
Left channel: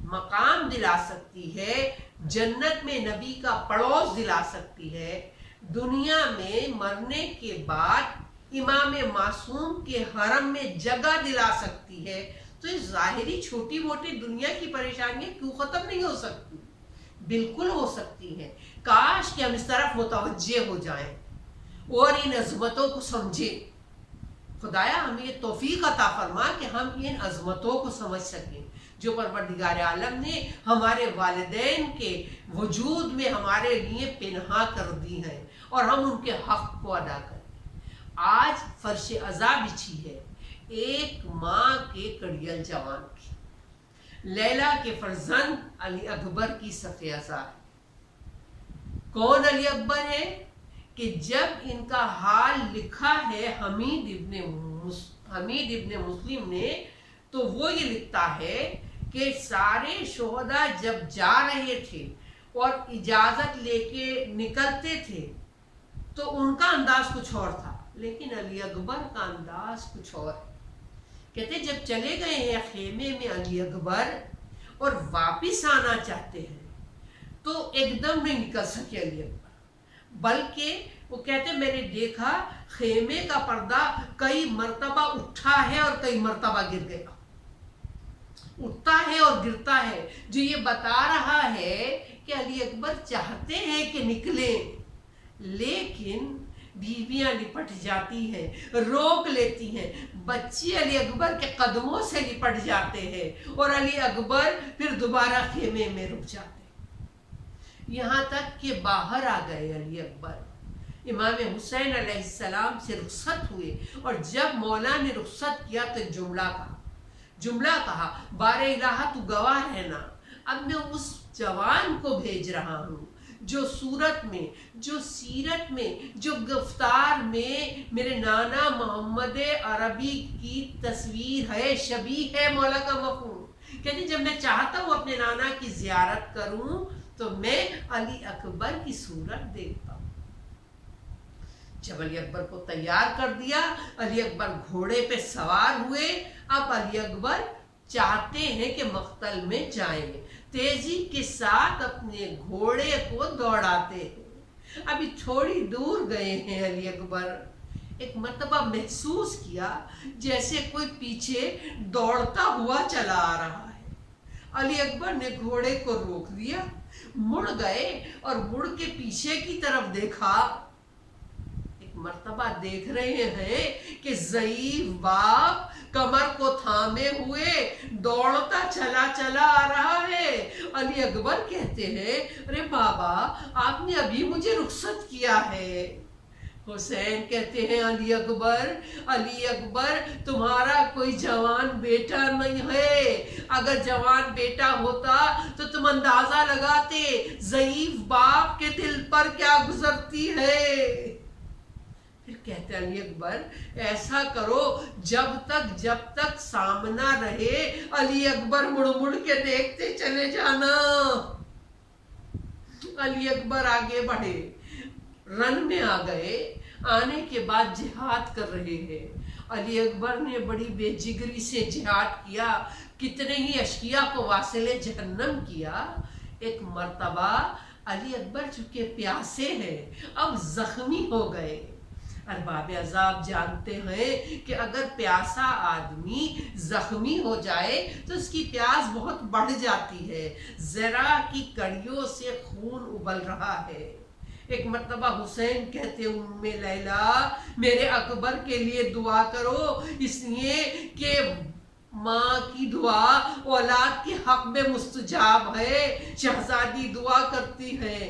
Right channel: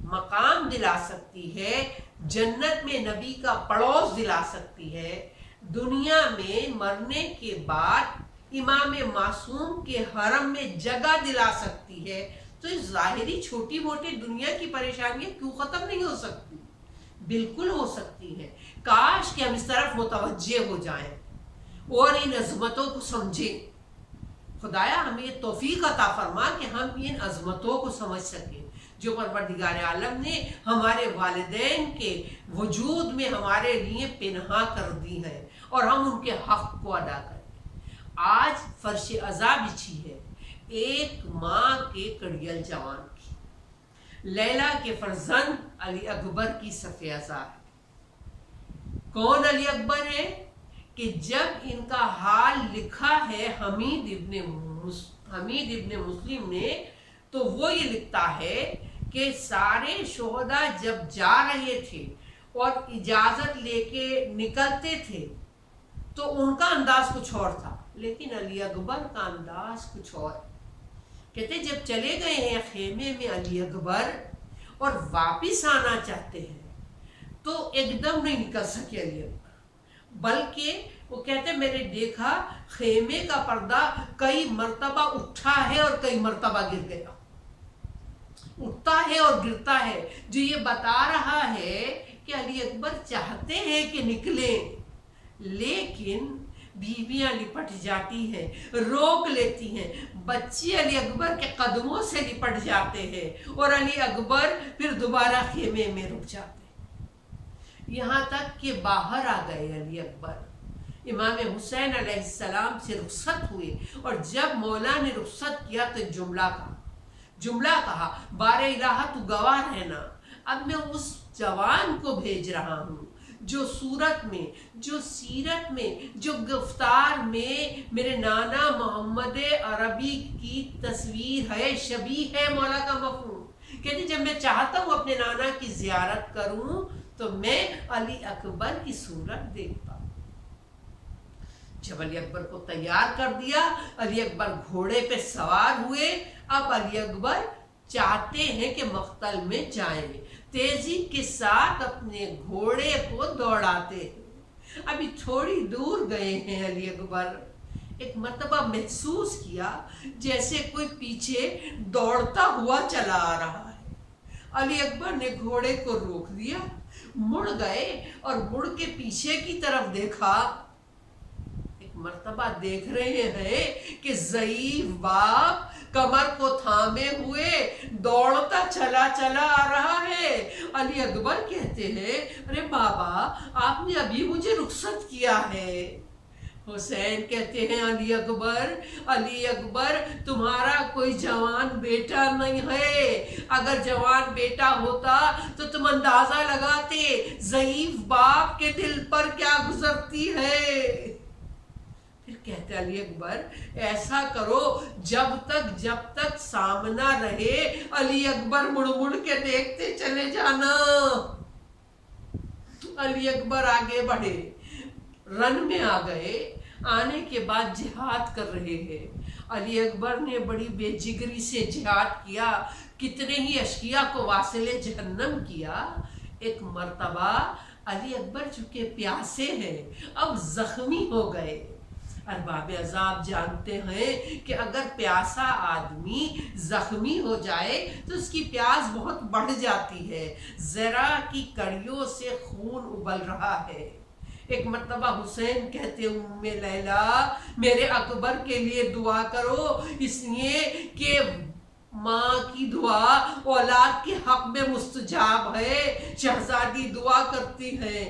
मकाम दिला सकती है, जन्नत में नबी का पड़ोस दिला सकती है, दुनिया में मरने के बाद इमाम मासूम के हरम में जगह दिला सकती है, तो इस ज़ाहिरी छोटी मोटी दुनिया की परेशानियां क्यों ख़त्म नहीं हो सकती? बिल्कुल हो सकती हैं। काश कि हम इस तरफ मुतवज्जे हो जाएं और इन अज़मतों को समझें। खुदाया हमें ये तौफीक अता फरमा कि हम इन अज़मतों को समझ सकें जो परवरदिगार आलम ने हमारे वालिदैन के वजूद में हमारे लिए पिन्हा कर दी हैं और हम उनके हक़ को अदा करें। आज फर्श अज़ा बिछी है एक माँ के कड़ियल जवान की, लैला के फर्जंद अली अकबर की सफ़-ए-अज़ा है। कौन अली अकबर है कि जब इनका हाल लिखा है हमीद इब्ने मुस्लिम ने, तो वो ये लिखता है कि सारे शोहदा जब जा रहे थे और इजाज़त लेके निकलते थे तो उनका अंदाज कुछ और था, लेकिन अली अकबर का अंदाज कुछ और है। कहते जब चले गए हैं खेमे में अली अकबर और वापिस आना चाहते हैं तो एकदम नहीं निकल सके अली अकबर, बल्कि वो कहते मैंने देखा खेमे का पर्दा कई मर्तबा उठा है और कई मर्तबा गिर गया, उठता है और गिरता है, जो ये बता रहा है कि अली अकबर चाहते हैं कि निकलें, लेकिन बीवियां लिपट जाती हैं, रोक लेती हैं, बच्चे अली अकबर के कदमों से लिपट जाते हैं और अली अकबर फिर दोबारा खेमे में रुक जाते। यहाँ तक कि बाहर आ गए अली अकबर। इमाम हुसैन अलैहिस्सलाम से रुखसत हुए और जब मौला ने रुखसत किया तो जुमला कहा बारे इलाहा तू गवाह रहना, अब मैं उस जवान को भेज रहा हूँ जो सूरत में, जो सीरत में, जो गिरफ्तार में मेरे नाना मोहम्मद अरबी की तस्वीर है, शबी है मौला का मफहूम। कहते जब मैं चाहता हूँ अपने नाना की जियारत करूँ तो मैं अली अकबर की सूरत देखता हूँ। जब अली अकबर को तैयार कर दिया, अली अकबर घोड़े पे सवार हुए। अब अली अकबर चाहते हैं कि मख्तल में जाएं, तेजी के साथ अपने घोड़े को दौड़ाते हैं। अभी थोड़ी दूर गए हैं अली अकबर, एक मर्तबा महसूस किया जैसे कोई पीछे दौड़ता हुआ चला आ रहा है। अली अकबर ने घोड़े को रोक दिया, मुड़ गए और मुड़ के पीछे की तरफ देखा। एक मर्तबा देख रहे हैं कि ज़ईफ बाप कमर को थामे हुए दौड़ता चला आ रहा है। अली अकबर कहते हैं अरे बाबा आपने अभी मुझे रुखसत किया है। हुसैन कहते हैं अली अकबर तुम्हारा कोई जवान बेटा नहीं है, अगर जवान बेटा होता तो तुम अंदाजा लगाते ज़ईफ बाप के दिल पर क्या गुजरती है। फिर कहते अली अकबर ऐसा करो जब तक सामना रहे अली अकबर मुड़ मुड़ के देखते चले जाना। अली अकबर आगे बढ़े, रन में आ गए। आने के बाद जिहाद कर रहे हैं। अली अकबर ने बड़ी बेजिगरी से जिहाद किया, कितने ही अशकिया को वासिले जहन्नम किया। एक मर्तबा अली अकबर चूंकि प्यासे हैं अब जख्मी हो गए। अरबाब अज़ाब जानते हैं कि अगर प्यासा आदमी जख्मी हो जाए तो उसकी प्यास बहुत बढ़ जाती है, जरा की कड़ियों से खून उबल रहा है। एक मर्तबा हुसैन कहते उम्मे लैला मेरे अकबर के लिए दुआ करो, इसलिए कि माँ की दुआ औलाद के हक में मुस्तजाब है। शहजादी दुआ करती है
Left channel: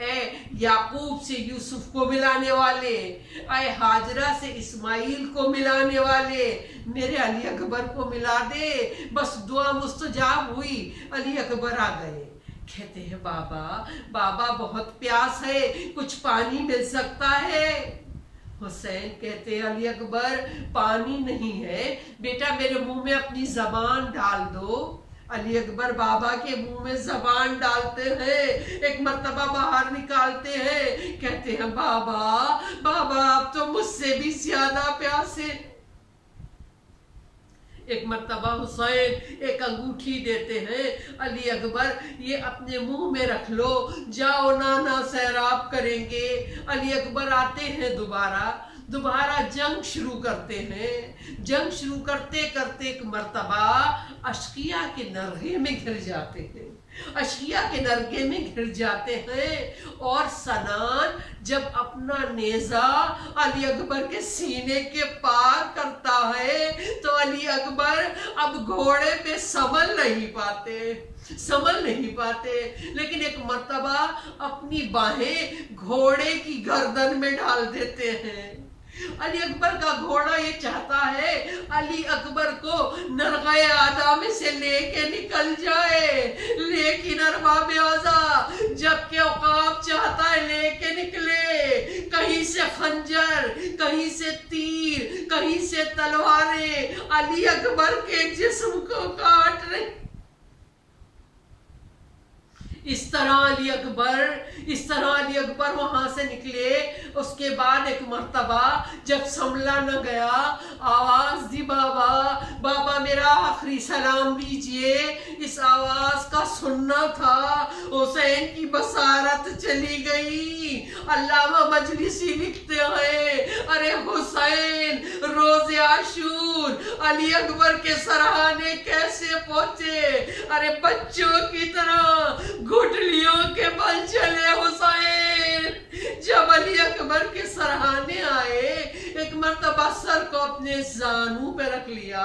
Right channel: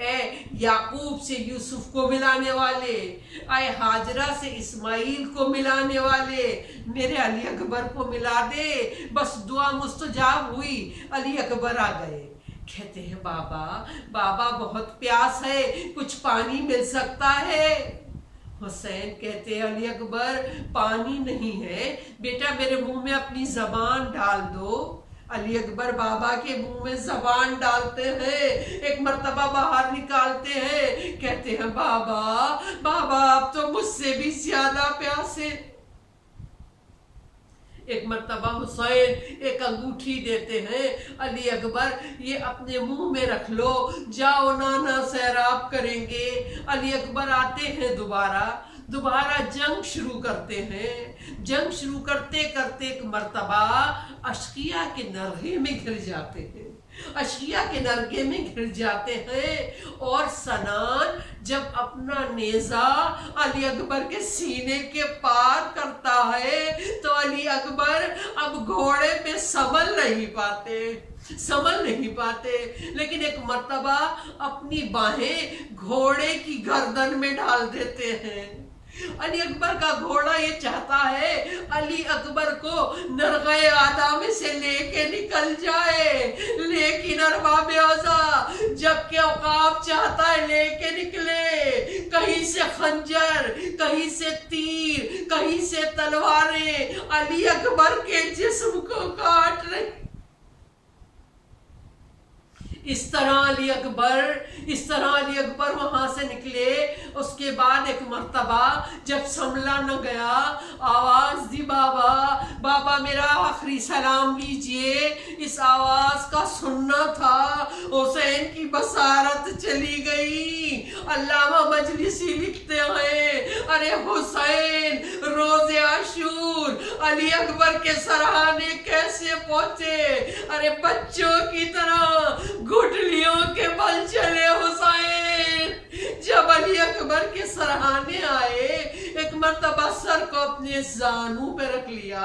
ए याकूब से यूसुफ को मिलाने वाले, ए हाजरा से इस्माइल को मिलाने वाले, मेरे अली अकबर को मिला दे। बस दुआ मुस्तजाब हुई, अली अकबर आ गए। कहते हैं बाबा बहुत प्यास है, कुछ पानी मिल सकता है। हुसैन कहते हैं अली अकबर पानी नहीं है बेटा, मेरे मुंह में अपनी जबान डाल दो। अली अकबर बाबा के मुंह में जबान डालते हैं, एक मर्तबा बाहर निकालते हैं। कहते हैं बाबा आप तो मुझसे भी ज्यादा प्यासे। एक मर्तबा हुसैन एक अंगूठी देते हैं, अली अकबर ये अपने मुंह में रख लो, जाओ नाना सैराब करेंगे। अली अकबर आते हैं दोबारा जंग शुरू करते हैं। जंग शुरू करते करते एक मर्तबा अशकिया के नरगे में घिर जाते हैं, और सनान जब अपना नेजा अली अकबर के सीने के पार करता है तो अली अकबर अब घोड़े पे संभल नहीं पाते, लेकिन एक मर्तबा अपनी बाहें घोड़े की गर्दन में डाल देते हैं। अली अकबर का घोड़ा ये चाहता है अली अकबर को नरग़े आदा में से लेके निकल जाए, लेकिन अरबाब आज़ा जबकि औकाब चाहता है लेके निकले, कहीं से खंजर, कहीं से तीर, कहीं से तलवारें अली अकबर के जिस्म को काट रही। इस तरह अली अकबर वहां से निकले। उसके बाद एक मर्तबा जब संभला न गया, आवाज दी, बाबा बाबा मेरा आखिरी सलाम लीजिए। इस आवाज का सुनना था, हुसैन की बसारत चली गई। अल्लामा मजलिसी लिखते हैं, अरे हुसैन रोज़े आशूर अली अकबर के सराहने कैसे पहुंचे, अरे बच्चों की तरह घुटलियों के बल चले हुसैन। जब अली अकबर के सराहने आए, एक मर्तबा सर को अपने जानू पे रख लिया,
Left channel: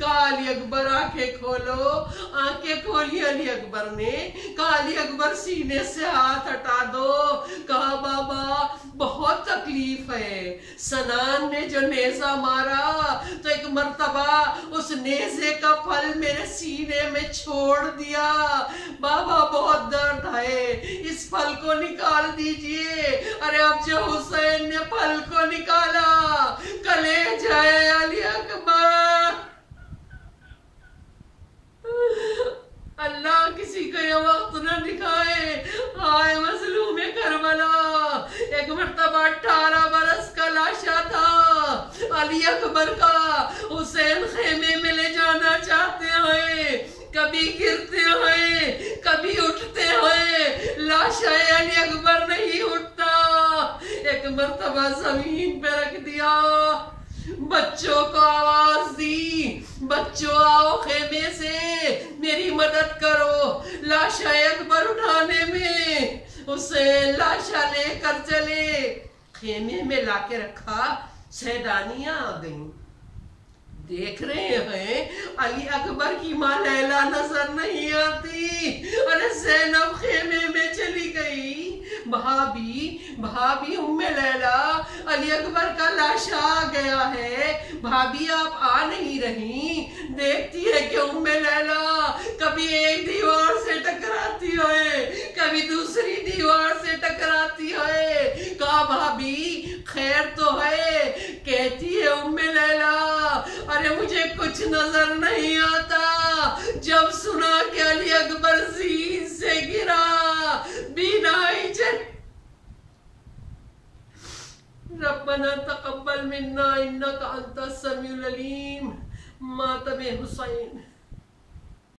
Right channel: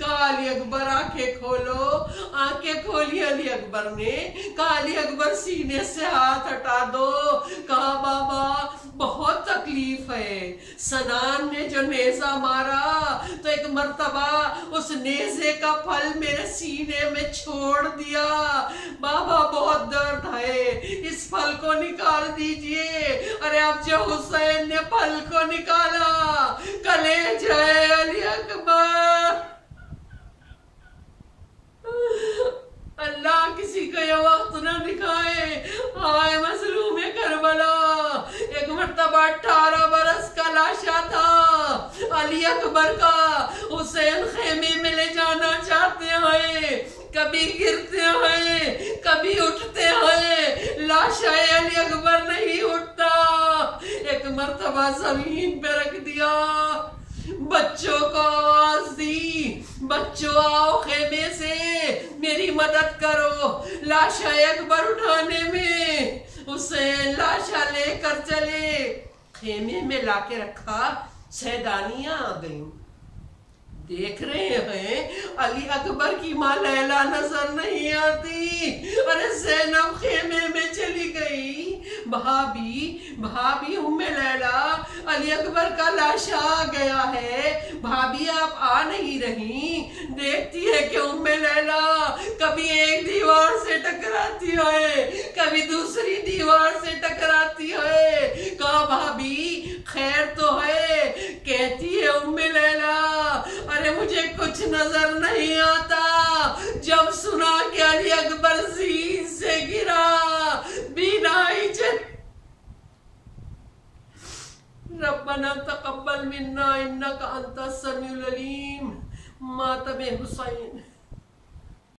कहा अली अकबर आंखें खोलो। आंखें खोली अली अकबर ने, कहा अली अकबर सीने से हाथ हटा दो। कहा बाबा बहुत तकलीफ है। सनान ने जो नेजा मारा तो एक मर्तबा उस नेजे का फल मेरे सीने में छोड़ दिया। बाबा बहुत दर्द है, इस फल को निकाल दीजिए। अरे अब जो हुसैन ने फल को निकाला, कलेजा है अली अकबर। अल्लाह किसी को ये वक्त न दिखाए। हाय मजलूम करबला। एक मर्तबा 18 बरस का लाशा था अली अकबर का, हुसैन खेमे में ले जाना चाहते हैं, कभी गिरते हैं कभी उठते हैं, लाशा अली अकबर नहीं उठता। एक मर्तबा जमीन पे रख दिया, बच्चों को आवाज दी, बच्चों आओ खेमे से मेरी मदद करो लाशा अकबर उठाने में। हुसैन लाशा लेकर चले, खेमे में लाके रखा, सैदानियां आ गईं। देख रहे हैं अली अकबर की माँ लैला नजर नहीं आती। अरे ज़ैनब खेमे में चली गई। भाभी उम्मे लैला, अली अकबर का लाशा आ गया है, भाभी आप आ नहीं रही। देखती है कि उम्मे लैला कभी एक दीवार से टकराती है, कभी दूसरी दीवार से टकराती है। कहा भाभी खैर तो है? कहती है उम्मे लैला अरे मुझे कुछ नजर नहीं आता। जब सुना कि अली अकबर जीन से गिरा, बीनाई चल। रब्बना तकब्बल मिन्ना इन्नका अंतस समीउल अलीम। मातम हुसैन।